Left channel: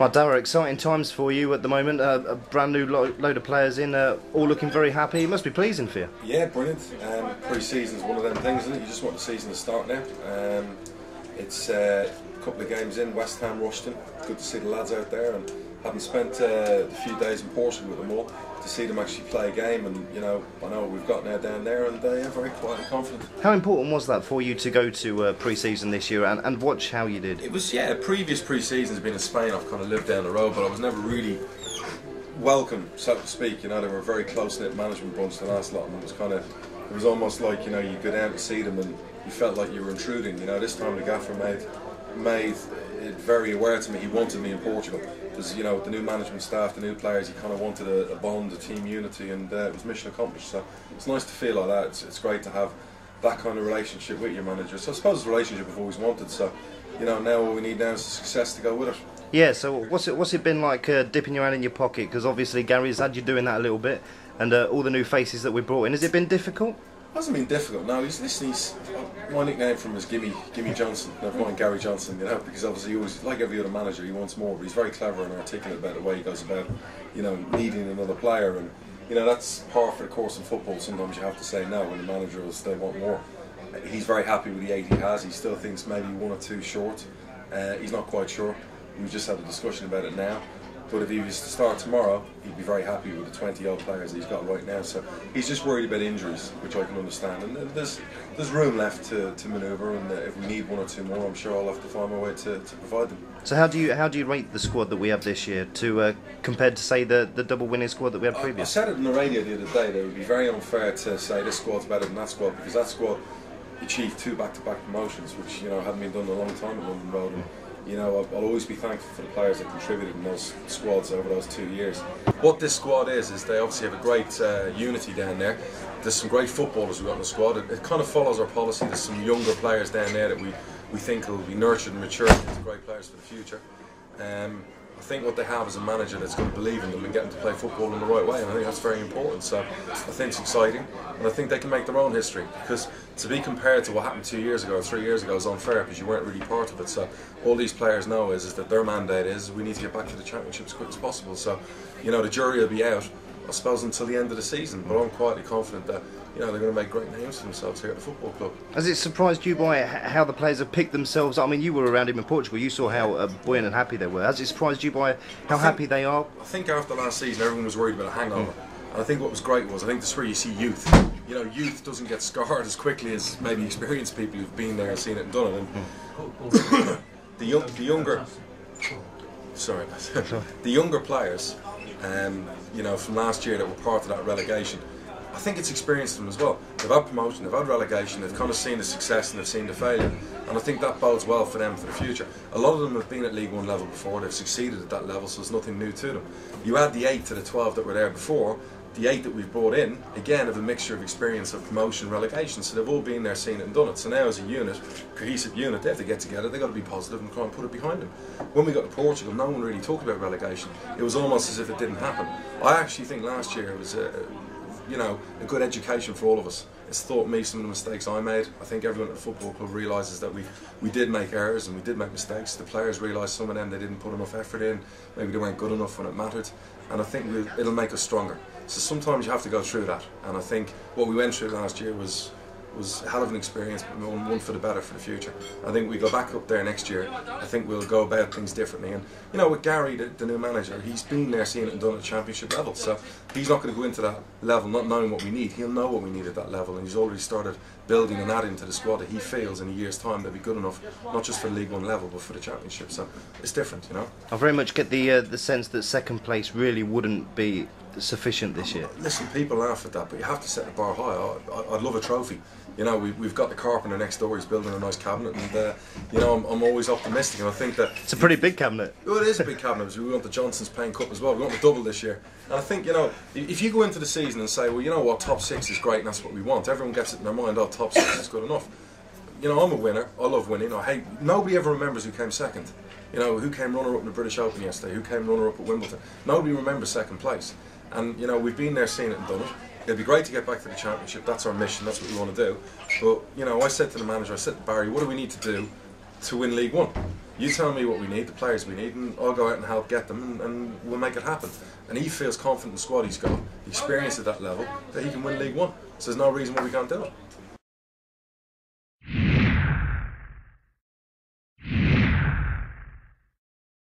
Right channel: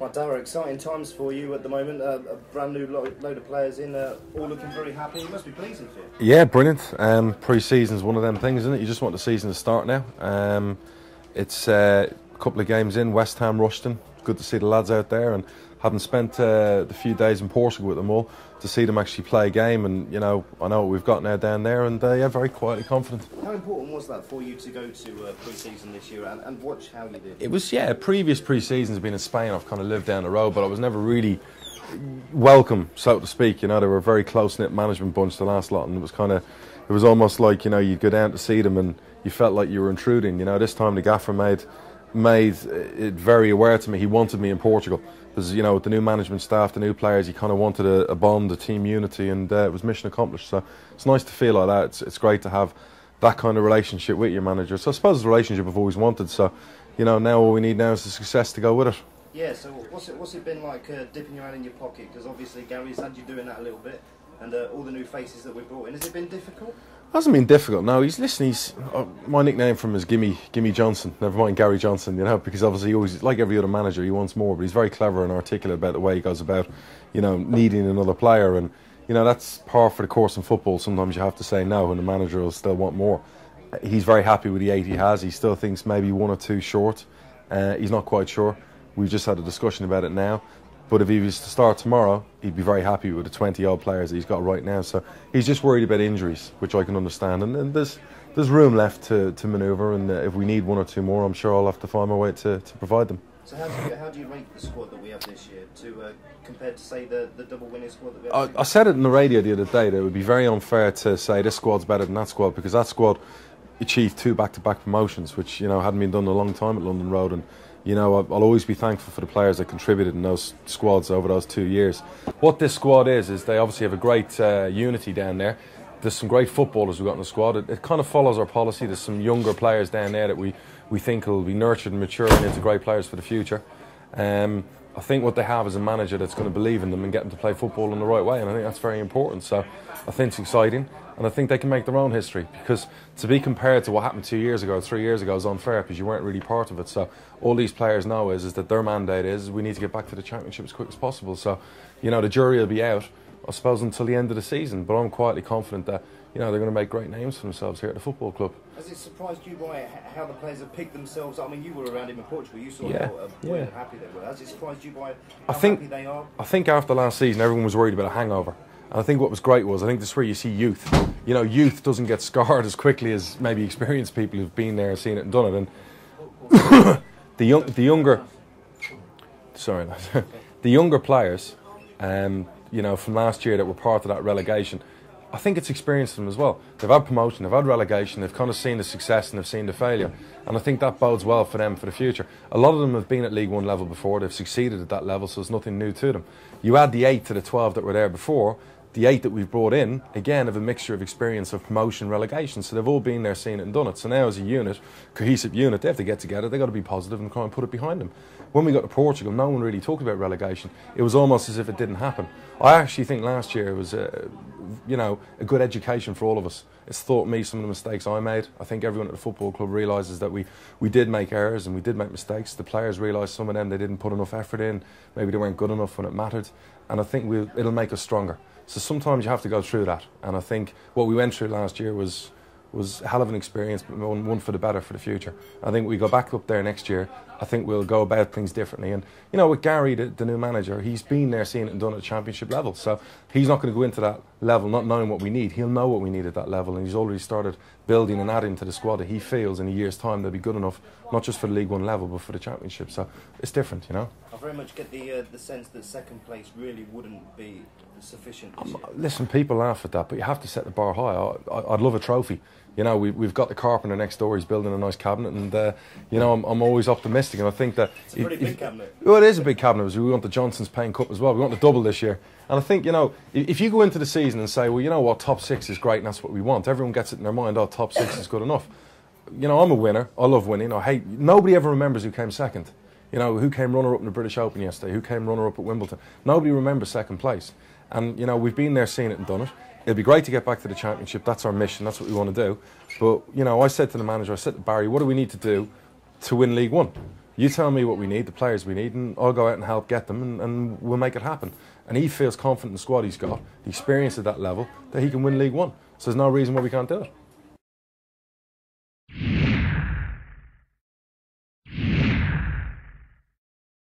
Well, Darragh, exciting times for you at the moment. A brand new load of players in, all looking very happy. It must be pleasing for you. Yeah, brilliant. Pre-season's one of them things, isn't it? You just want the season to start now. It's a couple of games in, West Ham, Rushton. Good to see the lads out there, and having spent the few days in Portugal with them all, to see them actually play a game, and I know what we've got now down there, and yeah, very quietly confident. How important was that for you to go to pre-season this year and watch how you did? It was, yeah, previous pre-seasons been in Spain. I've kind of lived down the road, but I was never really welcome, so to speak. They were a very close-knit management bunch, the last lot, and it was almost like, you go down to see them and you felt like you were intruding. This time the gaffer made it very aware to me. He wanted me in Portugal. Because, with the new management staff, the new players, he kind of wanted a bond, a team unity, and it was mission accomplished. So it's nice to feel like that. It's great to have that kind of relationship with your manager. So I suppose it's a relationship I've always wanted. So, now all we need now is the success to go with it. Yeah, so what's it been like dipping your hand in your pocket? Because obviously Gary's had you doing that a little bit, and all the new faces that we brought in. Has it been difficult? It hasn't been difficult, no. He's my nickname for him is Gimme Johnson, never mind Gary Johnson, because obviously he always, like every other manager, he wants more, but he's very clever and articulate about the way he goes about, needing another player, and, that's par for the course in football. Sometimes you have to say no, and the manager will still want more. He's very happy with the 8 he has. He still thinks maybe 1 or 2 short. He's not quite sure. We've just had a discussion about it now. But if he was to start tomorrow, he'd be very happy with the 20-odd players that he's got right now. So he's just worried about injuries, which I can understand. And there's room left to manoeuvre, and if we need 1 or 2 more, I'm sure I'll have to find my way to provide them. So how do you rate the squad that we have this year compared to, say, the double winning squad that we had previously? I said it in the radio the other day that it would be very unfair to say this squad's better than that squad, because that squad achieved 2 back-to-back promotions, which hadn't been done in a long time at London Road, and I'll always be thankful for the players that contributed in those squads over those 2 years. What this squad is they obviously have a great unity down there. There's some great footballers we've got in the squad. It kind of follows our policy. There's some younger players down there that we think will be nurtured and maturing into great players for the future. I think what they have is a manager that's going to believe in them and get them to play football in the right way, and I think that's very important. So I think it's exciting, and I think they can make their own history, because to be compared to what happened 2 years ago or 3 years ago is unfair, because you weren't really part of it. So all these players know is that their mandate is we need to get back to the Championship as quick as possible. So the jury will be out, I suppose, until the end of the season, but I'm quietly confident that they're going to make great names for themselves here at the football club. Has it surprised you by how the players have picked themselves? I mean, you were around him in Portugal. You saw how buoyant and happy they were. Has it surprised you by how happy they are? I think after last season, everyone was worried about a hangover. And I think what was great was, I think this is where you see youth. Youth doesn't get scarred as quickly as maybe experienced people who've been there and seen it and done it. And the younger players, from last year that were part of that relegation, I think it's experienced them as well. They've had promotion, they've had relegation, they've kind of seen the success and they've seen the failure, and I think that bodes well for them for the future. A lot of them have been at League One level before, they've succeeded at that level, so there's nothing new to them. You add the 8 to the 12 that were there before, the 8 that we've brought in, again, have a mixture of experience of promotion, relegation, so they've all been there, seen it and done it. So now as a unit, cohesive unit, they have to get together, they've got to be positive and try and put it behind them. When we got to Portugal, no one really talked about relegation. It was almost as if it didn't happen. I actually think last year was a good education for all of us. It's taught me some of the mistakes I made. I think everyone at the football club realises that we did make errors and we did make mistakes. The players realised some of them, they didn't put enough effort in, maybe they weren't good enough when it mattered, and I think it'll make us stronger. So sometimes you have to go through that, and I think what we went through last year was a hell of an experience, but one for the better for the future. I think we go back up there next year, I think we'll go about things differently. And with Gary, the new manager, he's been there, seen it and done it at Championship level, so he's not going to go into that level not knowing what we need. He'll know what we need at that level, and he's already started building and adding to the squad that he feels in a year's time they'll be good enough, not just for the League One level but for the Championship. So it's different, I very much get the sense that second place really wouldn't be sufficient this year. Listen, people laugh at that, but you have to set the bar high. I'd love a trophy. We've got the carpenter next door, he's building a nice cabinet, and I'm always optimistic, and I think that it's a pretty big cabinet. Well, it is a big cabinet. We want the Johnson's Payne Cup as well. We want the double this year, and I think if you go into the season and say, well, you know what, top 6 is great and that's what we want, everyone gets it in their mind, oh, top 6 is good enough. I'm a winner, I love winning, nobody ever remembers who came second. Who came runner-up in the British Open yesterday, who came runner-up at Wimbledon. Nobody remembers second place, and we've been there, seen it and done it. It'd be great to get back to the Championship. That's our mission. That's what we want to do. But I said to the manager, I said to Barry, what do we need to do to win League One? You tell me what we need, the players we need, and I'll go out and help get them, and we'll make it happen. And he feels confident in the squad he's got, experience at that level, that he can win League One. So there's no reason why we can't do it.